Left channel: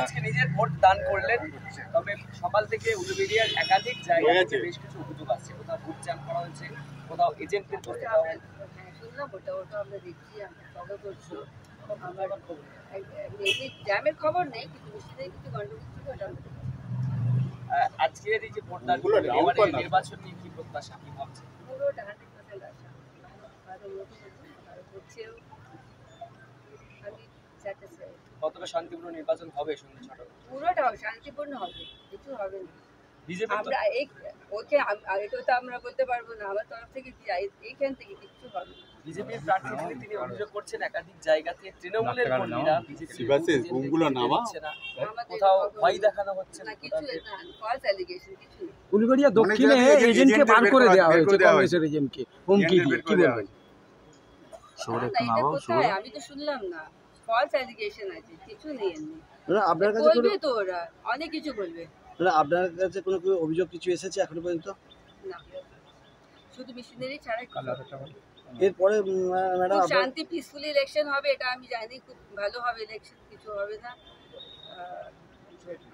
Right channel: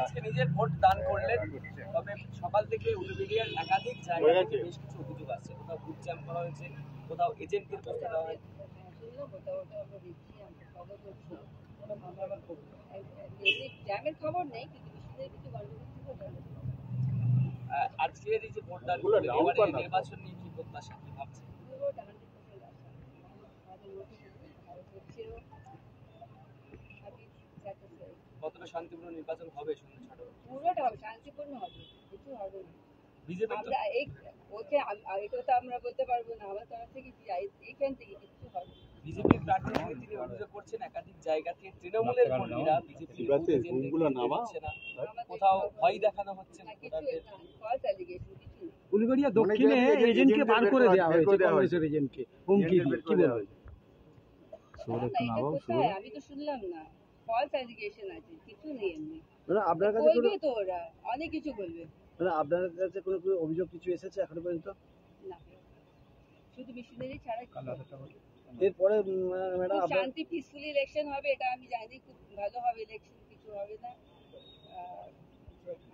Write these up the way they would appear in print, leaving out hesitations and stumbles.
আজকে নিজের ভোট দান করলেন, তবে সকাল থেকে উলুবেড়িয়ার একাধিক জায়গায় বেশ কিছু অভিযোগ আসছে। কোথাও বুথ জ্যাম করা হয়েছে, কোথাও এজেন্টদের বসতে দেওয়া হয়েছে। শুনলাম ওটা আমরা দেখছি, আমরা ফলো করছি। আমার জ্যামের খবর নেই, কিন্তু মিষ্টিদের কিছু গন্ডগোল ছিল, ওটা আজকের এই যে ভোট দান নির্বাচন নিয়ে কি প্রত্যাশা, কি ভাবছে? পুরোটা 100% আশা আরো হচ্ছেও, আমি স্যাটিসফাইড। কতটা শান্তিপূর্ণ নির্বাচন হবে সন্ধ্যা 6টা? পুরোটা শান্তিপূর্ণ হবে, কিছু হবে না। বিজেপি আমরা এটা তো আমরা বলতে পারবো না, আমার তরফ থেকে এইখান থেকে কিছু হবে না। বিজেপির প্রার্থী তিনি অভিযোগ করছেন একাধিক জায়গাতে তৃণমূলের কর্মীরা বিজেপির কোথাও ভয় দেখানো হচ্ছে না, কিছু না, ফলস অ্যালিগেশন, কিছু না। উলুবেড়িয়া দক্ষিণে এজেন্টকে বার করে দেওয়া হয়েছে, কংগ্রেসের এজেন্টকে হুমকি দিয়ে, কি বলবেন? এটা কোথায়? আমি তো শুনলাম না, ফলস অ্যালিগেশন আছে, কিছু নেই এমনি। আপনার কাছে বলবে তো ওরা অনেক কিছু বলবে। আপনার কাছে কোনো অভিযোগ কিছু এসেছে এখনো পর্যন্ত? না, শুধু মিশনারি ছাড়া এরপরে ম্যাডাম শান্তি পিসফুল ইলেকশন হবে, এটা আমি জানি, খুব ভালো হবে ইলেকশন, কিছু হবে না।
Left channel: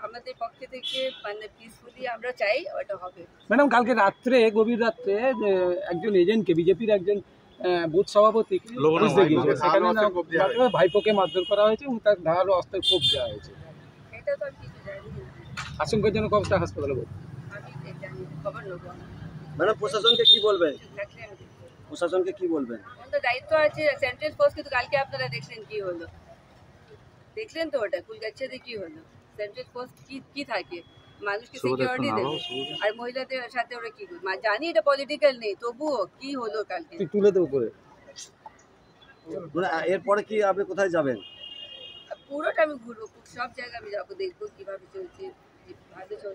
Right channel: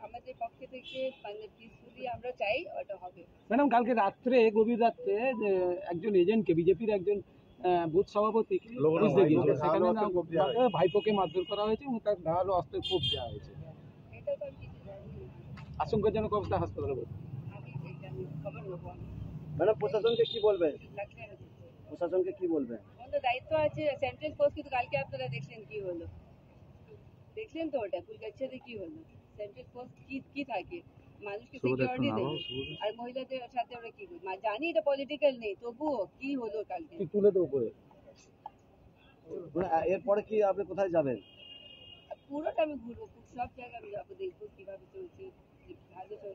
আমাদের পক্ষ থেকে মানে পিসফুলি আমরা চাই ওটা হবে। ম্যাডাম, কালকে রাত্রে, গভীর রাত্রে একজন এজেন্টকে, বিজেপির একজন বুথ সভাপতি ভাইপোকে মারধর করা হয়েছে এবং তার ধারালো অস্ত্রের কোপ দেওয়া হয়েছে। এটা তো আমি কিছু জানি না, আশঙ্কার জন্য কবটা হাসপাতালে ভর্তি। আমি জানি, খবর নেবো না। ম্যাডাম, প্রশাসনকে কি বলবেন? থাকলে আমি দেখবো। প্রশাসনকে কি বলবেন? আমাদের দায়িত্ব আছে, সেন্ট্রাল ফোর্স, কিন্তু কালকে আপনারা দেখলেন কি হলো, দেখলেন তো ওটা কুলগাছিতে কি হলো। সেন্ট্রাল ফোর্স কি থাকে, মানুষকে সিকিউরিটি দেবে, আর মহিলাদের সাথে ওরা কি করে? জানি এটা পলিটিক্যাল নেই, তবুও কি হলো কালকে তুলে দেবো করে। এরপরে কি আপনি কোথায় যাবেন? পুরোটা আমি ঘুরবো, সব জায়গায় আমি যাবো, দেখবো কিভাবে চলছে, ভালো চলছে।